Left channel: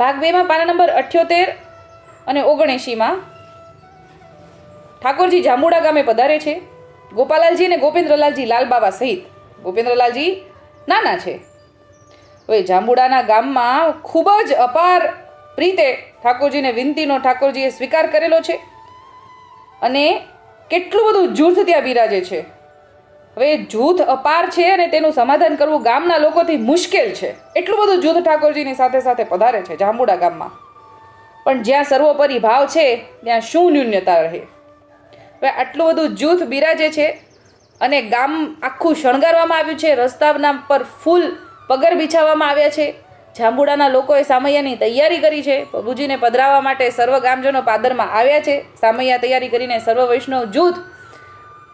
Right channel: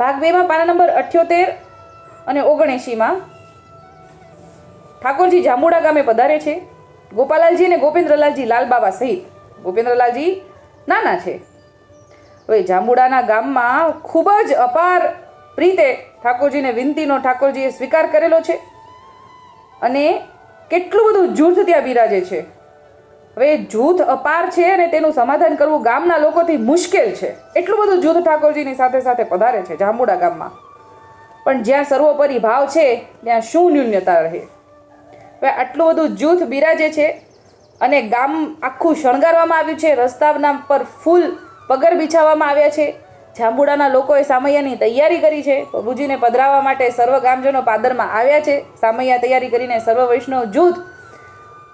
ભાગ બેમાં પાના નંબર અઠ્યોતેર અને ઓગણએંશીમાં ઠાકોરજી જાંબુડા ગામે પધારે છે. ગોપાલાલજી અને ગોપેન્દ્રલાલજી લાલબાબા સહિત ગોપેન્દ્રલાલજી નાના છે. હવે જાંબુડાના ગામમાં ખૂબ જ અપાર પ્રીતે ઠાકોરજીને વિનંતીનો ઠાકોરજીએ સ્વીકાર કરેલો છે. અને કેટલું બધું જૂથ ત્યાં બિરાજે છે. હવે જૂથ અપાર છે અને તેનું સમાધાન કરવું ગામના લોકોથી મુશ્કેલ છે. એટલું બધું જૂથ ઠાકોરજીની સાથે સાથે પધારે છે જાંબુડા ગામમાં. પણ જ્યાં સર્વોપરી ભાવ છે, ત્યાં શું ન્યૂન્યતા રહે? હવે આટલું બધું જૂથ બિરાજે છે અને ગામ આખું શણગારવામાં આવ્યું છે, રસ્તાના પર ફૂલ પગર બિછાવવામાં આવ્યા છે. જાંબુડાના લોકોએ સામૈયાની તૈયારી કરી છે. પ્રભુજીને પધરાવવા માટે સર્વ ગામજનો પાદરમાં આવ્યા છે. સામૈયા તૈયારી કરીને સર્વ વૈષ્ણવ જૂથ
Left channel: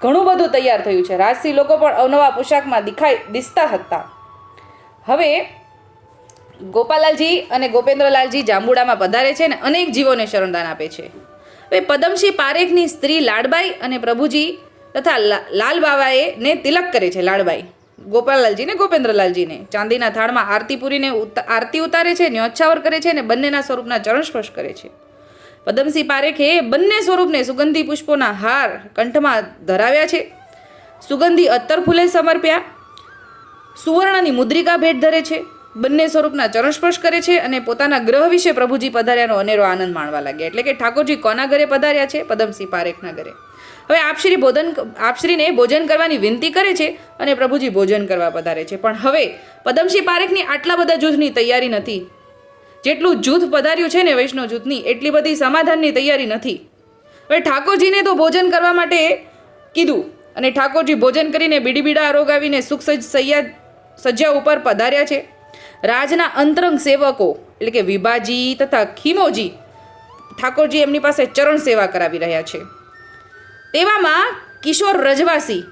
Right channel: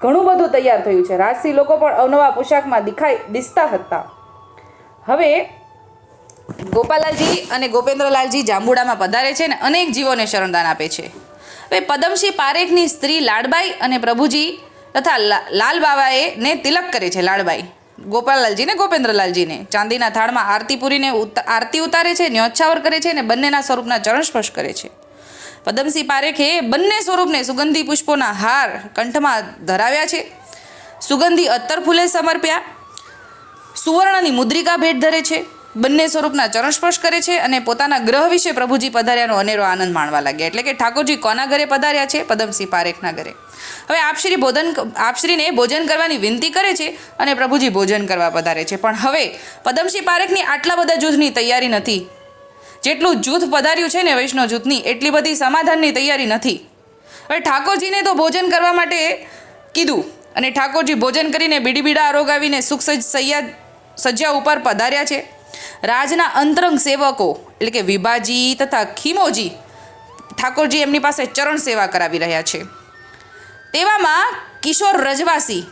ઘણું બધું તૈયાર થયું છે. રાજસી લોકો પણ અવનવા પોશાકમાં દેખાઈ દિસતા હતા. હવે ગોપાલાલજી અને ગોપેન્દ્રલાલજી જાંબુડામાં પધારે છે અને અનેક જીવોને શરણદાન આપે છે. હવે પદમસિંહ પારેખની સ્ત્રી લાડબાઈ અને પ્રભુજી તથા લાલબાવાએ ને તિલક કરે છે લાડબાઈ. ગોપાલાલજીને ગોપેન્દ્રલાલજીને ચાંદીના થાળમાં આરતી પૂરીને આરતી ઉતારે છે, ન્યોછાવર કરે છે અને બંનેના સ્વરૂપના ચરણ સ્પર્શ કરે છે. પદમસિંહ પારેખે બંને સ્વરૂપને સુગંધી પુષ્પોના હાર કંઠમાં ધરાવ્યા છે. સુગંધી અત્તર ફૂલે સમર્પ્યા. સુવર્ણની મુદ્રિકા ભેટ ધરે છે. બંને સ્વરૂપના ચરણસ્પર્શ કરે છે અને પોતાના ગ્રહ વિશે પ્રભુજી પધાર્યાનો અનેરો આનંદ માણવા લાગ્યા. એટલે કે ઠાકોરજી કોના ઘરે પધાર્યા છે? પદમસિંહ પારેખના ઘરે. હવે આપશ્રી ભોજન આપશ્રીને ભોજન કરવાની વિનંતી કરે છે અને પ્રભુજી ભોજન કરવા પધારે છે. પણ હવે પદમસિંહ પારેખની આટલા બધા જૂથની તૈયારી નથી. જેટલું જૂથ પધાર્યું છે ને વૈષ્ણવ જૂથની, એટલી બધી સમાધાનની તૈયારી નથી. હવે ઠાકોરજીને તો ભોજન કરવા માટે કીધું અને ઠાકોરજી ભોજન કરીને બીડી બીડા આરોગાવીને સુખ સૈયા, સજ્જા ઉપર પધાર્યા છે. રાજના અંતરંગ સેવકો એટલે કે વિભાજી તથા ખીમોજી ઠાકોરજી એમની પાસે ચરણ સેવા કરાવી રહ્યા છે. તેવામાં કિશોર રજવાસી,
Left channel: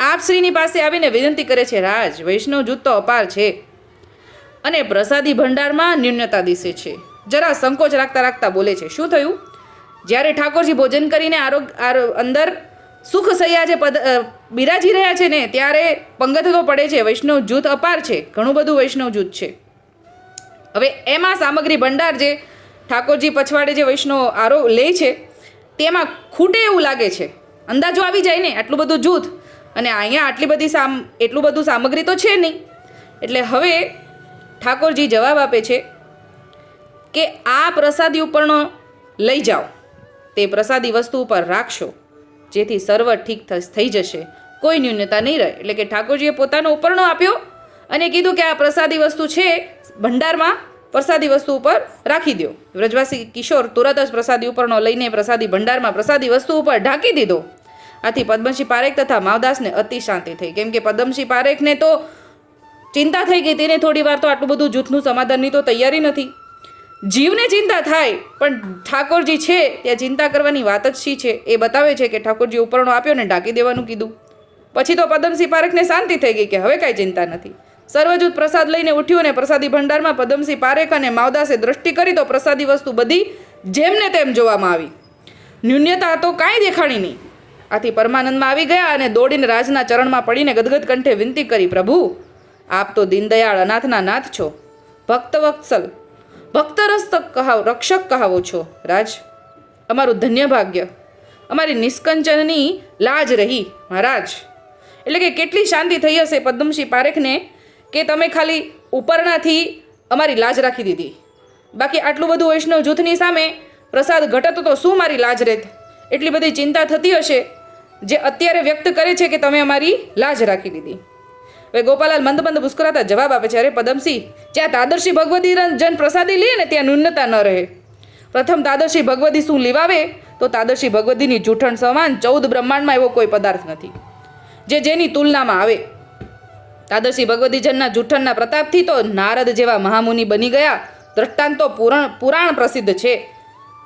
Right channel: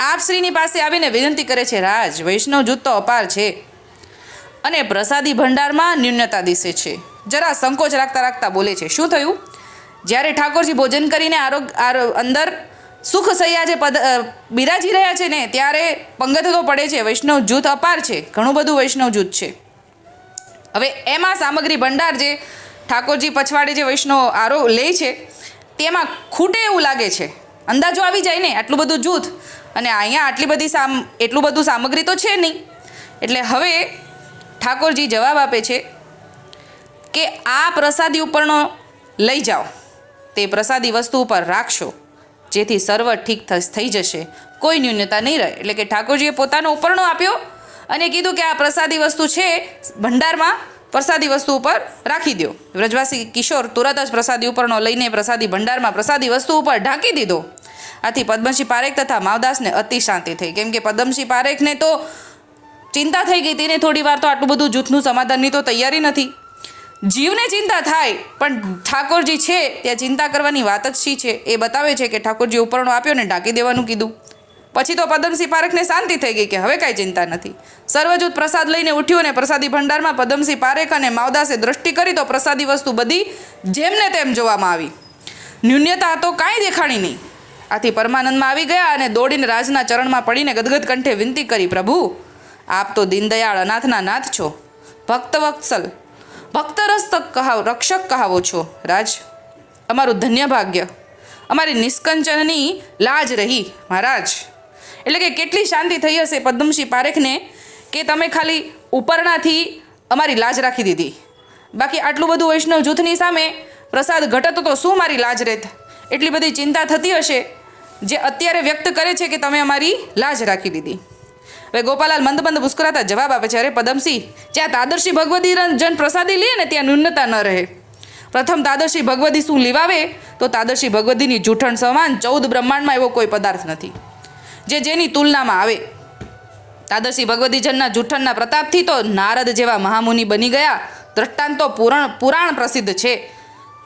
આપશ્રીની પાસે આવીને વિનંતી કરે છે, રાજ, વૈષ્ણવ જૂથ તો અપાર છે. અને પ્રસાદી ભંડારમાં ન્યૂનતા દિશે છે. જરા સંકોચ રાખતા રાખતા બોલે છે, શું થયું? જ્યારે ઠાકોરજી ભોજન કરીને આરોગ, આરો, અંદર સુખ સૈયા જે પદ બિરાજી રહ્યા છે ને, ત્યારે પંગત તો પડે છે, વૈષ્ણવ જૂથ અપાર છે, ઘણું બધું વૈષ્ણવ જૂથ છે. હવે એમાં સામગ્રી ભંડાર જે ઠાકોરજી પછવાડે જે વૈષ્ણવ આરો, લે છે, તેમાં ખૂટે એવું લાગે છે. અંદાજો આવી જાય ને, આટલું બધું જૂથ, અને અહીંયા આટલી બધી સામ, એટલું બધું સામગ્રી તો છે નહીં. એટલે હવે ઠાકોરજી જવાબ આપે છે કે આ પ્રસાદી ઉપરનો લઈ જાઓ. તે પ્રસાદી વસ્તુ ઉપર રાખશો. જેથી સર્વ ઠીક થઈ જશે. કોઈ ન્યૂનતા નહીં રહે. એટલે કે ઠાકોરજીએ પોતાનો ઉપરણો આપ્યો અને કીધું કે આ પ્રસાદી વસ્તુ છે, ભંડારમાં પ્રસાદી વસ્તુ ઉપર રાખી દો વ્રજવાસી કિશોર તુરત જ પ્રસાદી ઉપરનો લઈને પ્રસાદી ભંડારમાં પ્રસાદી વસ્તુ ઉપર ઢાંકી દીધો. આથી પદ્મસિંહ પારેખ તથા માવદાસને અતિ શાંતિ થઈ. કેમ કે પદ્મસિંહ પારેખને તો ચિંતા થઈ ગઈ. તેને થોડી વાર તો આટલું બધું જૂથનું સમાધાનની તો તૈયારી નથી. જીવને ચિંતા થાય, પણ ઠાકોરજી છે, ત્યાં ચિંતા કરવાની વાત જ શી છે? એ બતાવે છે કે ઠાકોરજી ઉપરણો આપ્યો ને ઢાંકી દેવાનું કીધું. પછી તો પદમસિંહ પારેખને શાંતિ થઈ ગઈ કે હવે કાંઈ ચિંતા નથી. સર્વજૂથ પ્રસાદ લઈને ઉઠ્યું અને પ્રસાદી ભંડારમાં પદમસિંહ પારેખ અને માવદાસે દ્રષ્ટિ કરી તો પ્રસાદી વસ્તુ બધી જેમને તેમ જોવામાં આવી. ન્યૂન્યતા તો કાંઈ દેખાણી નહીં. આથી પરમાનંદમાં આવી ગયા અને દોડીને રાજના ચરણમાં પડીને ગદગદ કંઠે વિનંતી કરી, પ્રભુ આપ તો દીનદયાળ અનાથના નાથ છો. ભક્તવત્સલ ભક્તરસ્તક કહાવ, રક્ષક કહાવો છો, રાજ. અમારું ધન્ય ભાગ્ય. અમારી નિષ્કંચનની લાજ રહી, મહારાજ. એટલે કે કેટલી શાંતિ થઈ હશે પદ્મશ્રી પારેખને કે તમે ખાલી ઉપરનાથી અમારી લાજ રાખી દીધી. બાકી આટલું બધું વૈષ્ણવ જૂથની સામે પ્રસાદ ઘટતો તો શું મારી લાજ રહેત એટલી બધી ચિંતા થતી હશે જે અત્યારે વ્યક્ત કરે છે કે તમે અમારી લાજ રાખી દીધી. હવે ગોપાલાલ મંદ મંદ મુસ્કરાતા જવાબ આપે છે. અરે પદમસિંહ, જ્યાં તાદર્શી ભગવતી જન પ્રસાદી લે ને ત્યાં ન્યૂનતા ન રહે. પ્રથમ તાદર્શી ભગવતી શું લીવાવે? તો તાદર્શી ભગવતીની જૂઠણ સમાન ચૌદ બ્રહ્માંડમાં એવો કોઈ પદાર્થ નથી. જે જેની તુલનામાં આવે. તાદર્શી ભગવતીજનના જૂઠણના પ્રતાપથી તો નારદ જેવા મહામુનિ બની ગયા. દ્રષ્ટાંતો પુરાણ પુરાણ પ્રસિદ્ધ છે.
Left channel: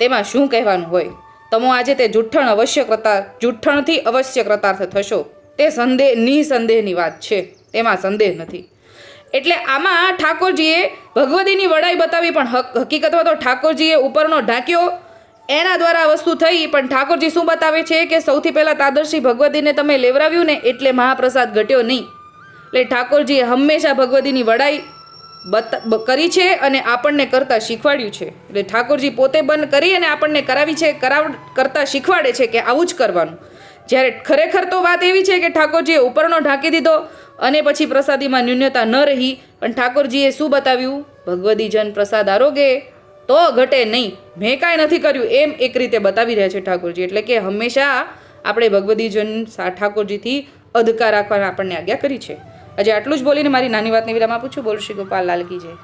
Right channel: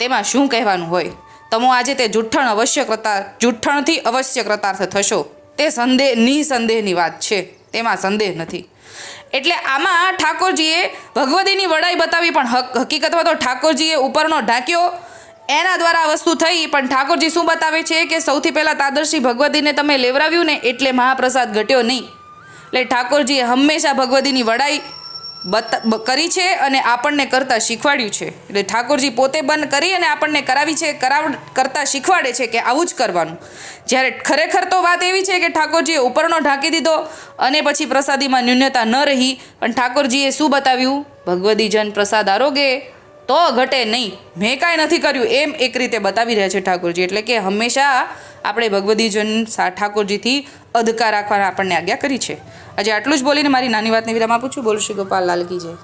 તેમાં શું કહેવાનું હોય? તમો આજે તે જૂઠણ અવશ્ય કૃતા, જૂઠણથી અવશ્ય કૃતાર્થ થશો. તે સંદેહ, નિસંદેહની વાત છે. તેમાં સંદેહ નથી. એટલે આમાં ઠાકોરજીએ ભગવતીની વડાઈ બતાવી, પણ હક, હકીકતમાં તો ઠાકોરજીએ ઉપરનો ઢાંક્યો એના દ્વારા વસ્તુ થઈ, પણ ઠાકોરજી શું બતાવે છે કે સૌથી પહેલાં તાદર્શી ભગવતીને તમે લેવરાવ્યું ને એટલે મહાપ્રસાદ ઘટ્યો નહીં. એટલે ઠાકોરજીએ હંમેશા ભગવતીની વડાઈ બતા કરી છે અને આપણને કરતાં શીખવાડ્યું છે. એટલે ઠાકોરજી પોતે બંધ કરી અને આપણને કરાવી છે, કરાવ કરતાં શીખવાડે છે કે આવું જ કરવાનું. જ્યારે ખરેખર તો વાત એવી છે કે ઠાકોરજીએ ઉપરનો ઢાંકી દીધો અને પછી પ્રસાદીમાં ન્યૂનતા ન રહી. પણ ઠાકોરજીએ શું બતાવ્યું? ભગવદીજન પ્રસાદ આરોગે તો ઘટે નહીં. મેં કાંઈ નથી કર્યું. એમ એક રીતે બતાવી રહ્યા છે ઠાકોરજી. એટલે કે હંમેશા આપણે ભગવદીજન ઠાકોરજીથી અધકાર રાખવાના આપણને આજ્ઞા કરી છે. આજે આટલું જ બોલીને મારી નાની વાતની વિરામ આપું છું. બોલું શ્રી ગોપાલ લાલકી જય.